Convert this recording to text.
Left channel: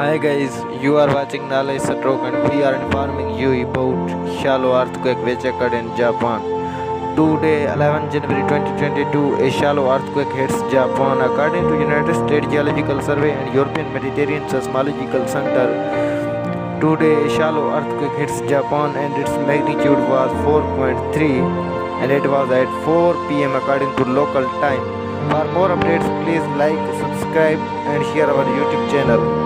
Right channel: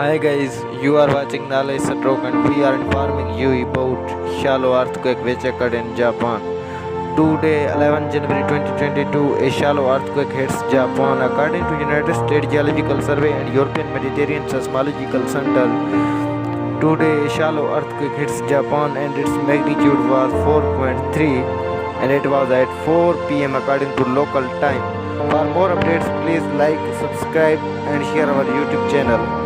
Hi guys, you are watching Knowledge Stroke and we are informing you about shallow earthquake which occurred in Japan. Today, 11 January 2022, a shallow earthquake hits Japan. According to United States Geological Survey and European Mediterranean Seismological Center, today a shallow earthquake hits Japan and its magnitude was 4.3 and it was at 4 pm according to local time. For more updates, please like, subscribe and share our YouTube channel.